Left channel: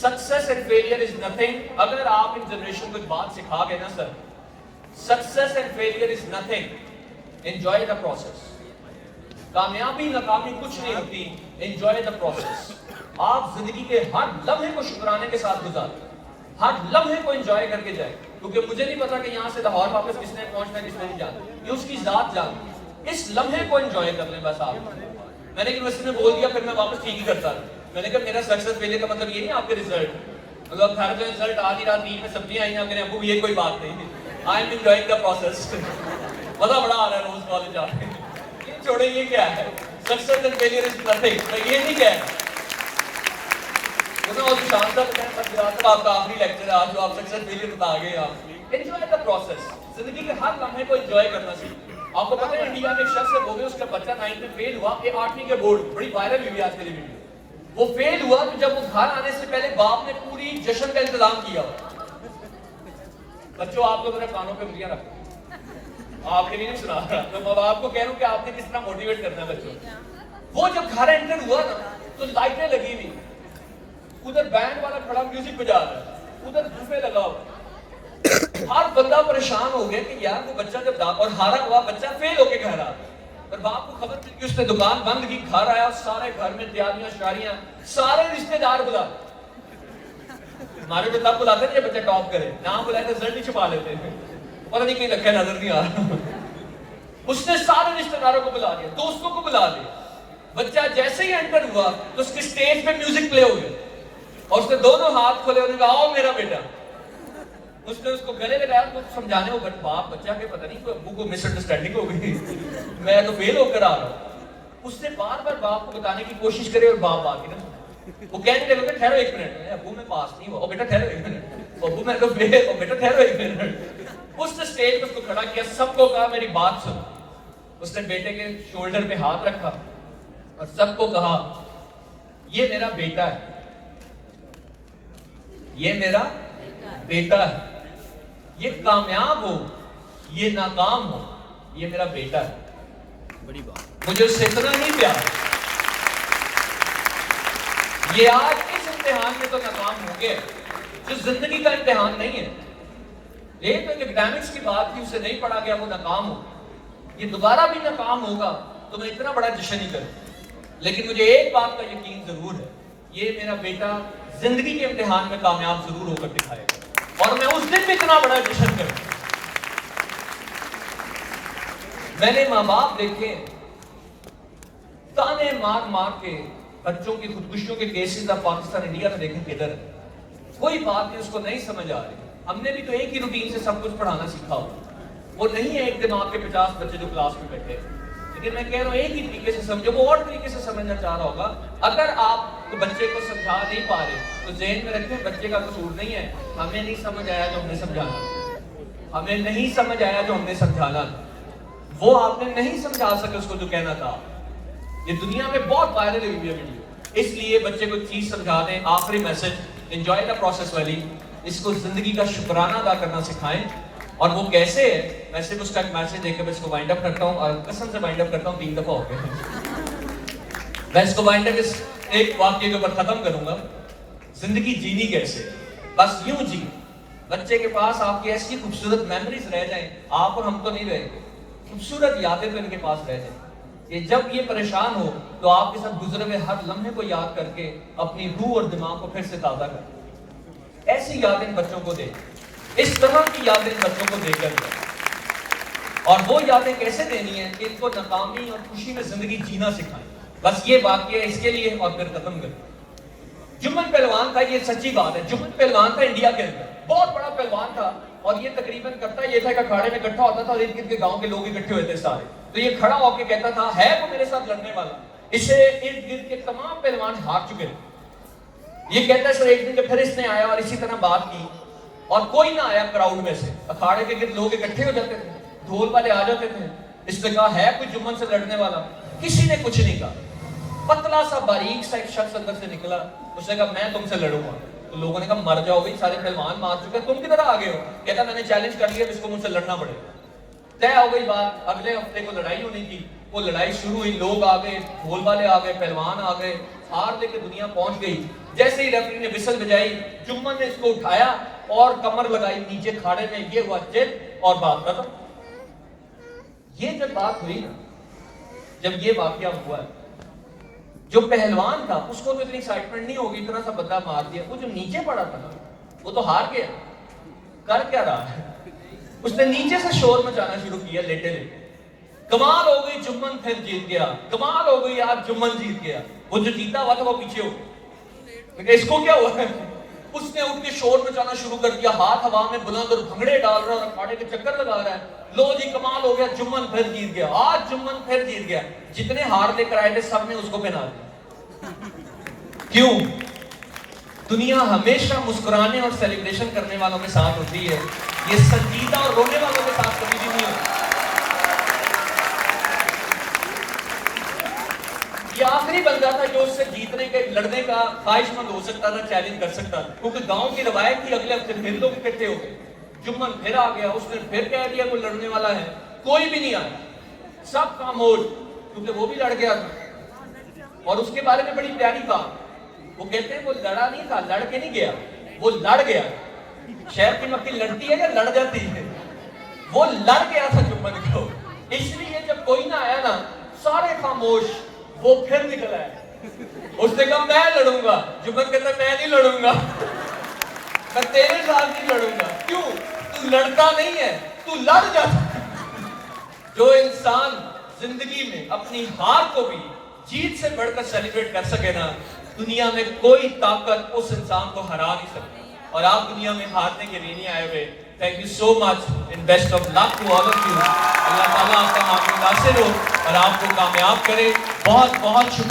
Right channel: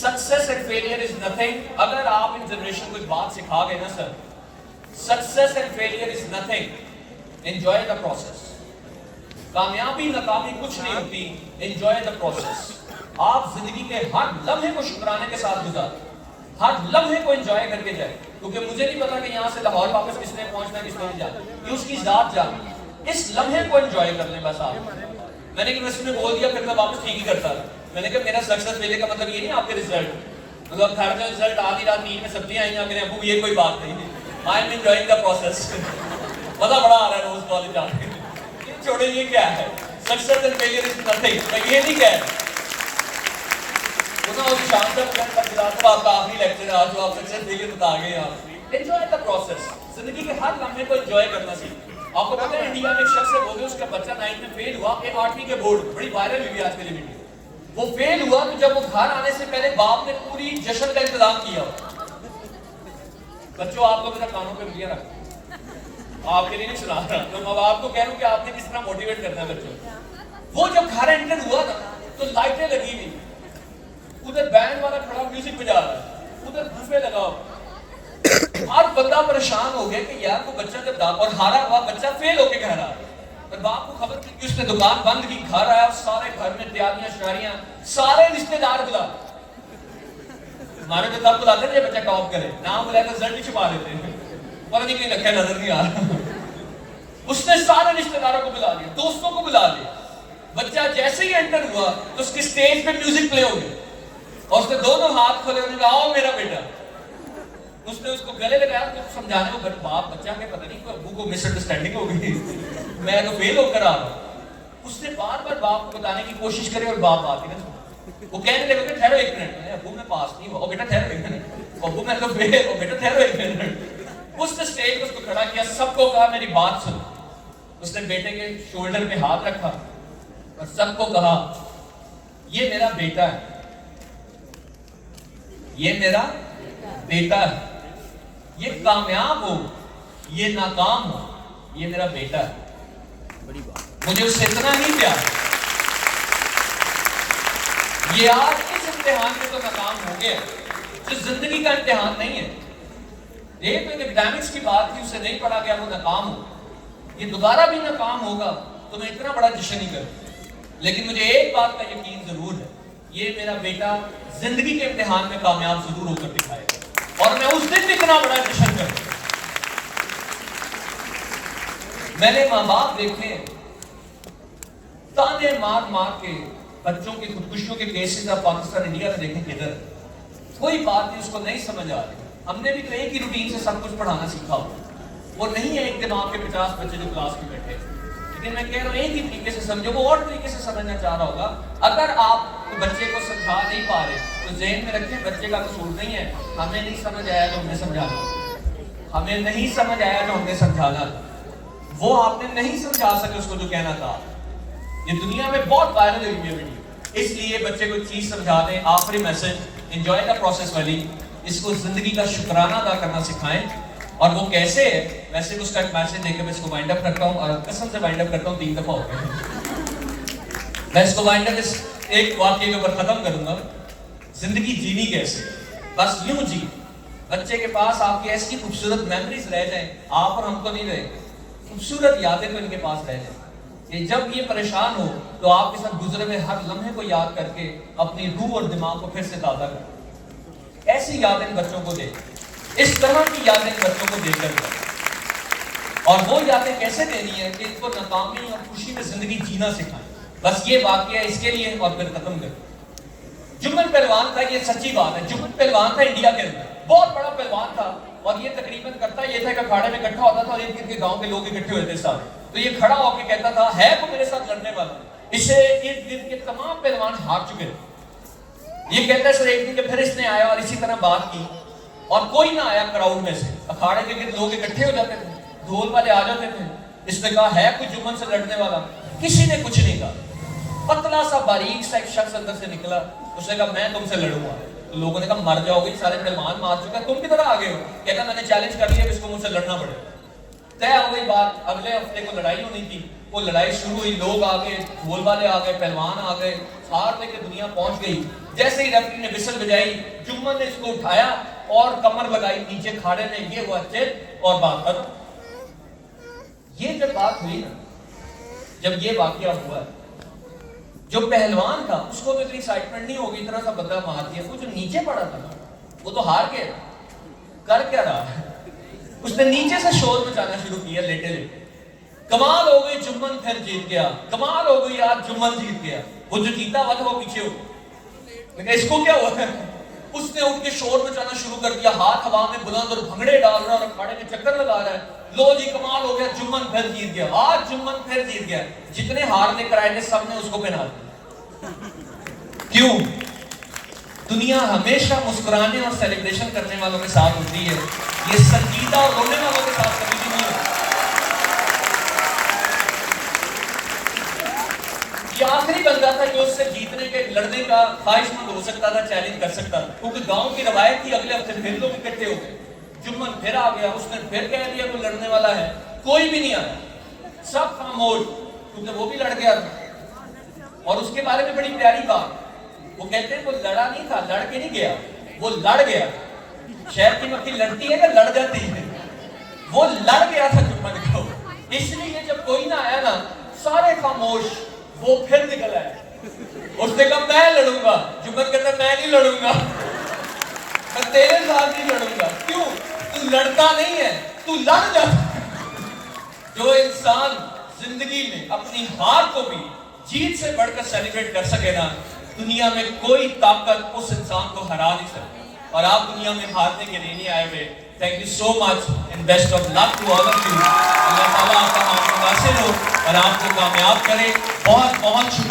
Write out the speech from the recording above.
Success and failure is nothing. अगर आप इन generation को एक बात सिखा गए ना sir, success and failure is nothing, enjoy the process. कामयाबी नाकामी कुछ नहीं होती, एंजॉय द प्रोसेस. आप जिंदगी के हर लम्हे को शुक्राने के साथ गुजारें, हर लम्हे को एंजॉय करके जाए. क्योंकि मुझे नहीं पता कि यहाँ से लाहौर वापस किसने पहुंचना है, किसने नहीं जाना, ये उसकी जात जाने. इस लम्हे को एंजॉय कर लें बस आप. मैंने यूनिवर्सिटी में बोल दिया, फिर मैं वापस ठीक ही करता था. मैंने कहा मेरा सक्सेस फेलियर का मतलब ये नहीं आपके रिजल्ट, मतलब घर में रिजल्ट आधी रात 3 में सब्जियां आई, मेरे अबू ये कोई बात नहीं. I am enjoying the process. मजा बड़ा आ रहा है रोज कॉलेज आने. ये छोड़े, ये क्या है? Success and failure is nothing. मैं ये नहीं कह रहा. और शान साहब आपका आखिरी लेक्चर आज जो आप सक्सेस फेलियर बता गए. आप एंजॉय द प्रोसेस. जिंदगी के हर लम्हे को एंजॉय करना सीखें. आपको पता है इंडिया में एक शख्स है, बोले उसका बच्चा 9th में फेल हुआ, 8वीं के बोर्ड बड़ी वायरल हुई आज के लिए वीडियो. वो फेल हुआ तो जब वो घर आने से पहले बाप ने पूरी जश्न का इंतजाम किया. बच्चों आप लोग मेरे कानों पे उंगलियां रखो, आपके लिए नहीं सुना रहा, तो मैं आपको कह रहा हूं कि आपने किस तरह मोटिवेट करना है बच्चों. वो जब घर एंटर हुआ ना तो लाइटें लगी हुई, उधर बैंड वाला खड़ा म्यूजिक बजा रहा है, उधर बुफे लगा हुआ. और बंदा परेशान हो गया कि यार वो बच्चा जब और हारा हुआ बच्चा फेल होके घर आ रहा. पर बाप को खबर मिली कि उसने दुकान बंद की, घर आया, सारे घर में तैयारियां शारियां, सारे रिश्तेदार बुला. हमारे को तब बुलाते थे बच्चा टॉप करे, नाम बुलाया तो रिजल्ट ही छुपा देते हैं, पता नहीं कहीं रखा नजर नहीं आ रहा. उसने सारे रिश्तेदारों को बुला लिया, दोस्तों को बुला लिया. बच्चा जैसे ही एंटर हुआ तो उसके स्टेज पे म्यूजिक प्ले हो गया और उसने दोनों हाथ खोले, उन्होंने कहा आओ मेरा बेटा. उसने उसको गले लगाया तो समझाने को बाप बच्चा के पता नहीं अबू को मिसअंडरस्टैंडिंग हो गई, मैं तो फेल होकर आ रहा हूं. उसने बार बार बाप को बताने की कोशिश करे और बाप बात ही ना सुने. वो कहने लगे ठहरो 1 मिनट, अबू मैं पास नहीं हुआ. बेटा ठहरो 1 मिनट, अबू मैं तो फेल हो. बेटा ठहरो 1 मिनट. उसने स्टेज पर उसको खड़ा किया, सबको कहा मेरी बात सुनो. उसने बेटे के शोल्डर पे हाथ रखा और सबको कहा ये मेरा बेटा है, ये मेरा बेटा है. ये कामयाब हो, ये नाकाम हो, ये मेरा बेटा है. बड़ी बात. मुझे उससे इतना नहीं प्यार. ये आज इस इम्तिहान में तो नाकाम हो गया, जो जिंदगी का इम्तिहान नहीं है. ये तो एक एकेडमिक्स की बात थी, उसे नहीं पढ़ा गया, वो नाकाम हो. ये दोबारा भी नाकाम होगा तो मैं इतना बड़ा जश्न नहीं करूं. लेकिन मुझे एक बात का यकीन जरूर है, ये मेरा बेटा जिंदगी के इम्तिहान में कामयाब जरूर होकर दिखाएगा और मैं उस दिन भी इतना बड़ा जश्न करूं. मैंने माँ बाप देखे ताने मार मार के बच्चों की खुदकुशियों के केसेस आप पाकिस्तान इंडिया में देखें किधर. कोई बात नहीं, उसको नहीं समझ आ रही. हमने भी तो एक ही रूटीन से सब कुछ पढ़ाना सीखा हो. वो नहीं है एक दिन आपके 50 बच्चे जो क्लास में बैठे. लेकिन मैं कह रहा हूँ एक ही तरीके से समझो. वो और तरीके से समझना चाह रहा होगा. अगर आप तो बच्चे को समझा नहीं पा रहे तो ज़हन में रखें बच्चे का कसूर नहीं है. हमें नहीं समझ आया जो हमने समझाना, हमें नहीं समझ आया जो हमने समझाना, वो आपने नहीं समझा सके उसको जो कहना था. ये दुनिया में बहुत वायरल हुई है वीडियो. इसलिए बच्चे को चीज समझा दें. आखिरी मैसेज, एंजॉय द प्रोसेस वाली. इसको जिंदगी का शुक्राना अदा करना सिखाएं. और वो कैसे है, वैसे उसका एक मैसेज देकर मैं इसको वाइंड अप करता हूँ और कसम से वाइंड अप करता हूँ. 3 दफा हो गए. मैं इसको वाइंड अप एक वाक्य के ऊपर खत्म करूंगा. जिंदगी जीनी कैसे, बस यूं जी. बच्चे के पास आपकी ऐसी खूबसूरत मेमोरीज रह जाएं, आप और हम तो नहीं रहे, खूबसूरत यादें तो इनके पास रह जाएं. कि जब ये परेशान हो तो आपके साथ गुजरे हुए हर लम्हे को याद करके अपनी रूह और दिमाग को फिर से ताज़ा करें. ऐसी यादें बच्चों को दें, इस तरह की यादें बच्चों को देकर. और वो यादें कैसे देनी है कि इनको नाकामी और खुशी में जिंदगी जीना सिखाएं. बस ये वाकया इसके लिए और फिर खत्म करें. जुम्मन पहलवान था, ये सच्ची बात है. जुम्मन पहलवान था इंडिया के अंदर, बहुत बड़ा पहलवान था. और ये तकरीबन करता ये था कि अखाड़े में इकट्ठा होता था और इर्द गिर्द के गांव के लोग इकट्ठे होते सारे. तो ये खड़ा होकर कहता था है वो मेरे साथ लड़ने वाला. इसे इर्द गिर्द के तमाम पहलवान हार चुके थे. ये कहता है सर एक दिन फिर इसने आया और इसी तरह बात की और कोई ना आया क्राउड में से. अखाड़े के गिर्द लोग इकट्ठे हो जाते थे, ढोल वाले आ जाते थे. इसने कहा है कोई जुम्मन से लड़ने वाला? किसी ने कुछ नहीं कहा. पतला सा बारीक सा एक शख्स अंदर से निकला. उसने कहा मैं तुमसे लड़ूंगा. तो लोगों ने कहा मर जाओगे, सारे पहलवान मार चुके हैं, तुम किधर आ गए हो? कहता मैंने चैलेंज कर लिया, इसको मुझसे लड़ना पड़ेगा. तय हो गई बात. अगले हफ्ते को लड़ाई होनी थी. वो लड़ाई शुरू हुई, लोग आ गए, ढोल वाले आ गए, पहलवान आ गए, ہار لے کے دنیا پہنچ گئی. جیسے ہی ریفری نے وسل بجائی, جمن نے اس کو اٹھایا اور کمر لگائی نیچے کھاڑے میں, یہ ہوا چپ اور بات ختم. یہ جب بات ہوئی نا, جب یہ واقعہ ہوا, جو پہلوان تھا اس کو تو اتنی ایکسائٹمنٹ نہیں ہوگی, اتنا سا بدلہ مار دیا. وہ جو نیچے پڑا تھا نا, وہ تو ہار گیا. کر کیا رہا ہے, اس نے نیچے سے شور مچانا شروع کیا لیٹے لیٹے. کمال ہو گئی, جمن پھر جیت گیا. کمال ہو گئی, آج جمن جیت گیا. وہ جو جیتا ہوا تھا وہ پیچھے ہو گیا. اس کو کیا ہوا ہے, اس نے اٹھ کے شور مچانا شروع کر دیا, ہاتھ ہوا میں بلند اور بھنگڑے ڈال رہا اور اکھاڑے کے چکر لگا رہا ہے. لو جی کمال ہو گیا, جمن پھر جیت گیا. آج جمن پھر جیت گیا. جتنے ہار لے کر آئے تھے سب نے اس کو پہنا دیا. کیوں؟ دنیا ہمیشہ مسکرانے اور سیلیبریشن کرنے والوں کے ساتھ ہوتی ہے, یہ سنجیدہ اور رونے والوں کے ساتھ کبھی بھی نہیں ہوتی. یہ آخری بندہ تھا جو اس سے جیتنے کے لڑنے کا خواہش مند ہو سکتا تھا, چیلنج کر سکتا تھا, کیونکہ گاؤں کی روایت تھی. اگلے ہفتے پھر لوگ اکٹھے ہو گئے. جمن پھر آ گیا, اس نے پھر کہہ دیا وہ لڑنے والا ہے. کوئی بھی نہیں آیا, سب خاموش, کیونکہ وہ بھی لڑ گیا تھا. اور اس کے بارے میں بڑی پیاری بات, وہ کہتے ہیں وہ لڑا نہیں تھا, لڑ کے نہیں گیا, وہ لڑ گیا. شہر کی مکھی لڑتی ہے کہ لڑ جاتی ہے؟ وہ لڑ گیا تھا جمن کو. اس لیے جب کوئی نہ آیا نا, سارے خاموش. وہ پھر نکل آیا, اس نے کہا میں لڑوں گا. جمن کہتا میں نہیں لڑوں گا, میں تیرے ساتھ نہیں لڑوں گا. کیوں؟ تو لڑتا نہیں ہے, تو لڑ جاتا. جو انسان زندگی میں اپنی ہار کو بھی جیت سے بڑھ کر سیلیبریٹ کر سکے نا, دنیا میں کوئی طاقت اس انسان کو ہرا نہیں سکتی. اور آپ دنیا میں ہارنے کے لیے نہیں آئے ہوئے. Thank you so much and best of luck to all of you. Allah تعالیٰ آپ کا معاملہ واصل ہو اور آپ کو کامیاب کرے. بہت بہت شکریہ.